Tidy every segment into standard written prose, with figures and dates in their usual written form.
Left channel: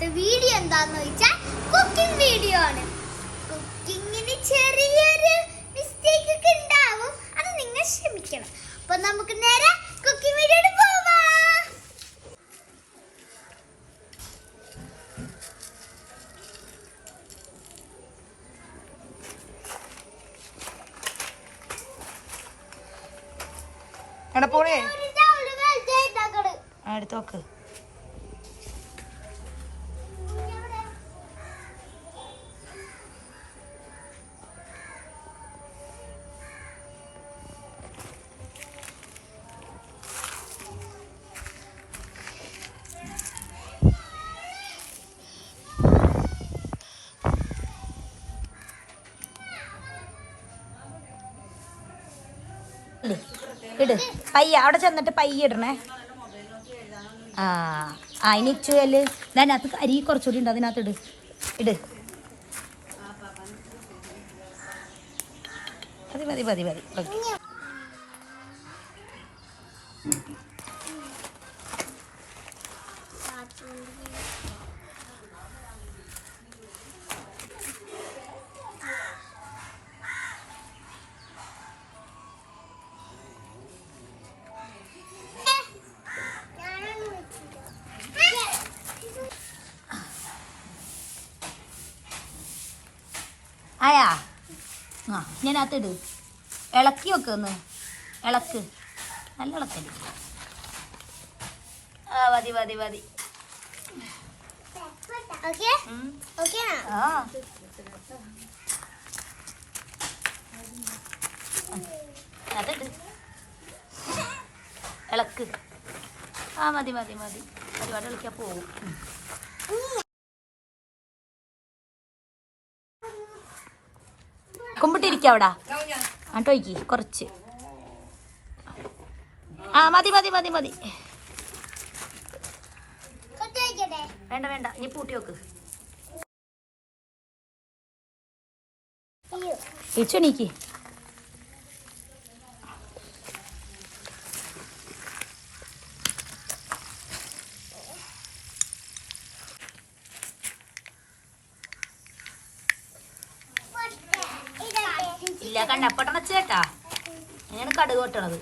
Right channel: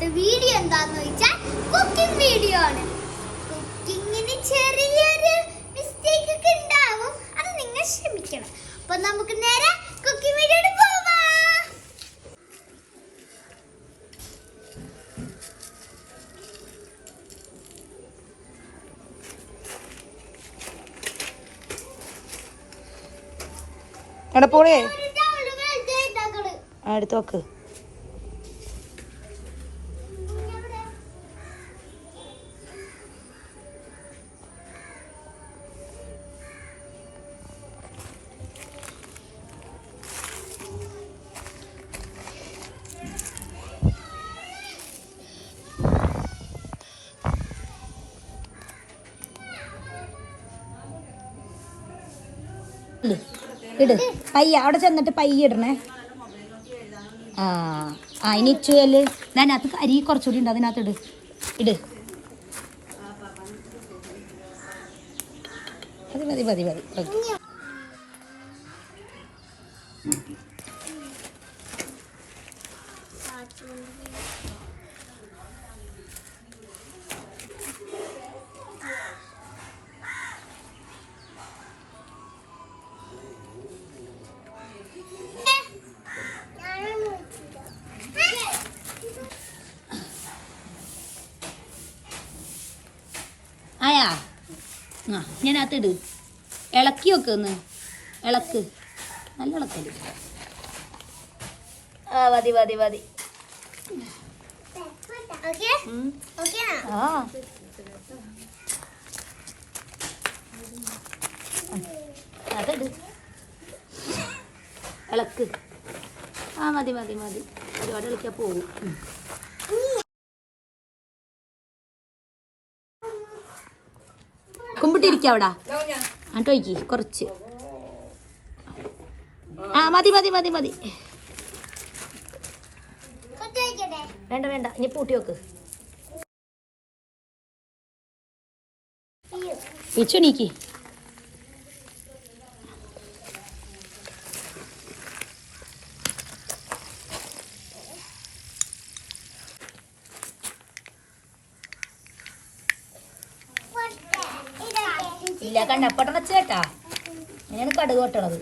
ഇന്നത്തെ വീഡിയോ എന്താന്ന് വെച്ചാൽ കുക്കിംഗ് വീഡിയോ ആണ്. കുക്കിങ്ങിന് ചെറിയൊരു മിസ്റ്റേക്ക് ഒക്കെ ഉണ്ടാവും, അത് നിങ്ങൾ ക്ഷമിക്കണം. അപ്പൊ നമുക്ക് നേരെ കുക്കിംഗ് വീഡിയോയിൽ പോവാം. പോണേ അടുത്ത് നോക്ക്. ഇട് പയ്യ അവിടെ ചെന്നിട്ട് പയ്യ ഇടണേ. ആ ഇനി ഇച്ചുവല് അതിനകത്ത് അരി കുറച്ചുകൂടി ഉണ്ട്, അതിനകത്ത് ഇട് ഇട്. മതി മതി മതി മതി. ആയാ ഞാനകത്ത് ഇട്. ഇളക്കി വെക്ക്, ഒന്ന് ഇളക്ക്, നല്ല ഇളക്കല്. മതി മതി മതി. ഇളക്ക്. മതി മതി മതി. ഒരുപാട് ഇളക്കാൻ പോകും. കുമ്പിട്ടിരിക്കുക അവിടെ ആട്ടോയ്ക്ക് കുറച്ച്. മതി മതി മതി മതി. വേണ്ട വേണ്ട, ഇനി പൂട്ടി വെക്ക്. ഉച്ചണീക്ക്. ഇല്ല കണ്ടപ്പട്ട വെച്ചേട്ടാ, ഇങ്ങനെയാണ് കടുക് വെട്ടണത്.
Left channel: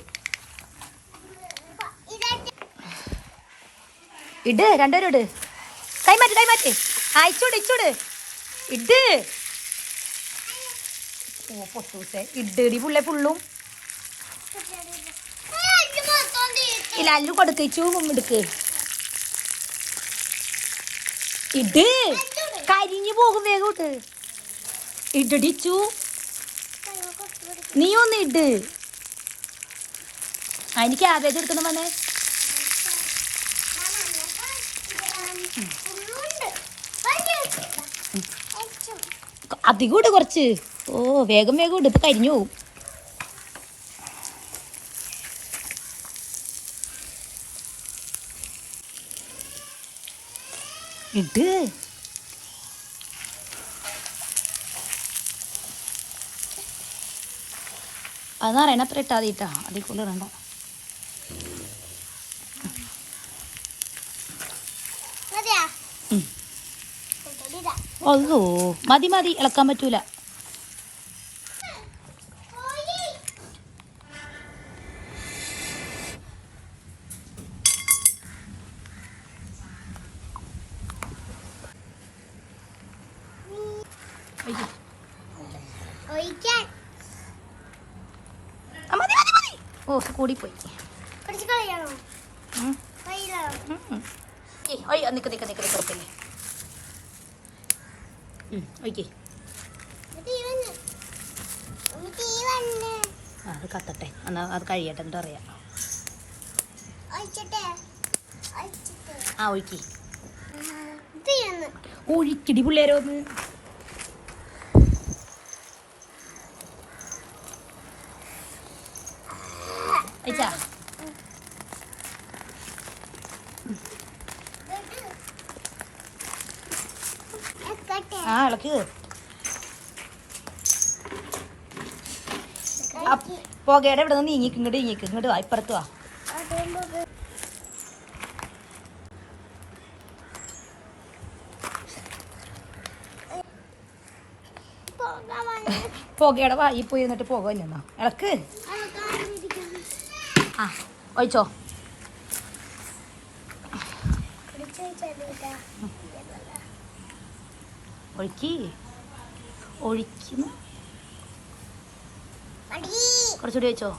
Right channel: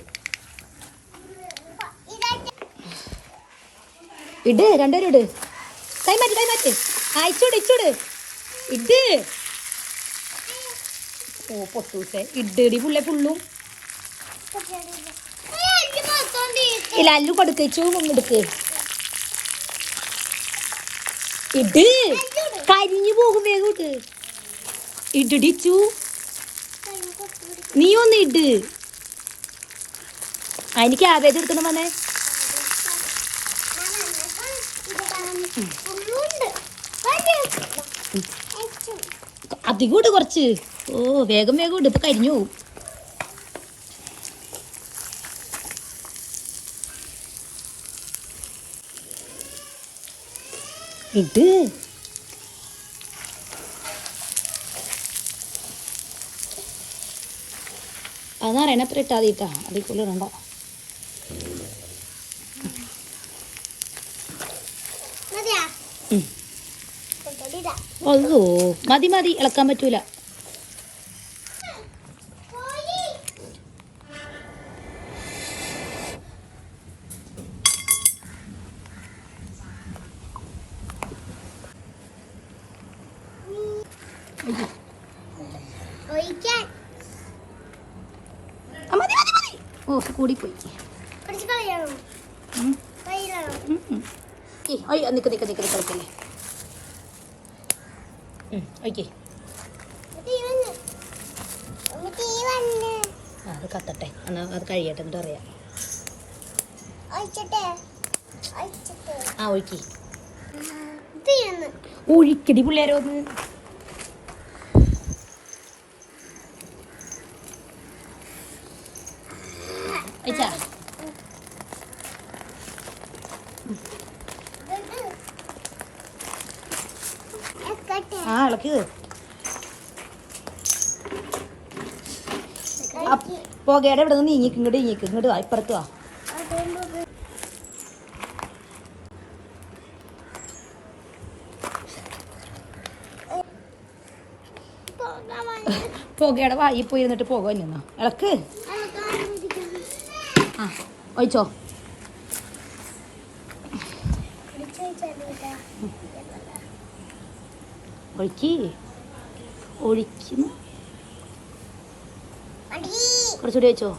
ഇട്, രണ്ടുപേരും ഇട്. കൈമാറ്റ് കൈമാറ്റ്. ഇച്ചോട് ഇച്ചോട് ഇട്. ഓ പൊത്തൂസേ ഇഡടി പുള്ളേ ഫുള്ളും. ഇല്ല അല്ലു കൊടുത്തേച്ചു എടുക്ക്. ഇട്, കരിഞ്ഞു പോകും വേഗം ഇട്ട്. ഇടിച്ചു നീ ഒന്ന് ഇട്. അതിന് ക്യാബേജ് എടുക്കണം വന്നേ. അധികം ഇട് കുറച്ച്. ഓ വേഗം വേഗം ഇട്, ഇപ്പൊ കരിഞ്ഞു പോവും. ഇട്. അതാണ് അത്ര ഇട്ടാ മതിട്ടാ, അതിൽ കൂടുതൽ ഇടണ്ട. അതോ മതി മതി, ഇളക്കാൻ പറ്റൂല. ഓ കൂടിപ്പോയി. നിക്ക് നിക്ക് നിക്ക് കഴിക്കല്ലേ. അത് കത്തട്ടെ, എന്നാ അത് കഴിയട്ടെ എന്നിട്ട് അറിയാം. ഒഴിക്കി ഒഴിക്കടി പിള്ളേരോ. ഇളക്ക്. പുകയുടെ ഇവിടെ നിന്ന് നീങ്ങിക്ക്, ഇങ്ങോട്ട് നീങ്ങിക്ക്, ഇങ്ങോട്ട് വാ, ഇപ്പുറത്ത് വാ. പുകയുടെ വായി പോയി എന്നിട്ട് പുക വന്നോ ഇളക്ക്. ആ ഒഴിച്ചോ. ഒഴിക്കുന്നു കുറച്ചുകൂടി വെച്ചോ.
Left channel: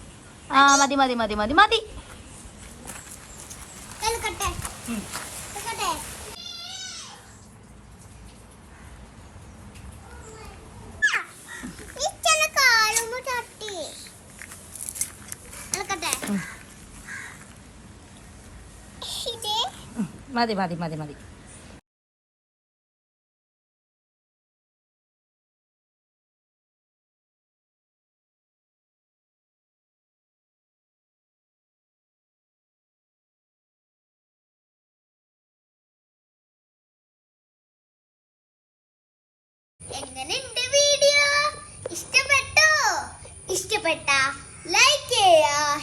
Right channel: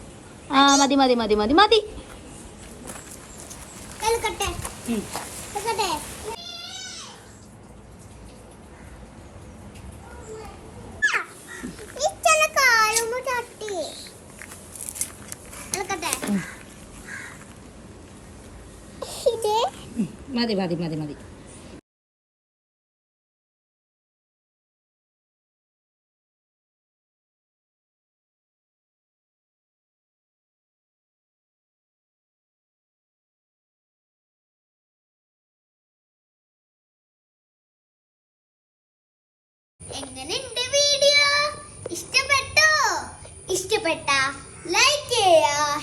ആ മതി മതി മതി മതി മതി. മതി മതി മതി മതി. എങ്ങനെയുണ്ട് വീഡിയോ? ഇഷ്ടപ്പെട്ടോ? ഇഷ്ടപ്പെട്ട ലൈക്ക് ചെയ്യുക,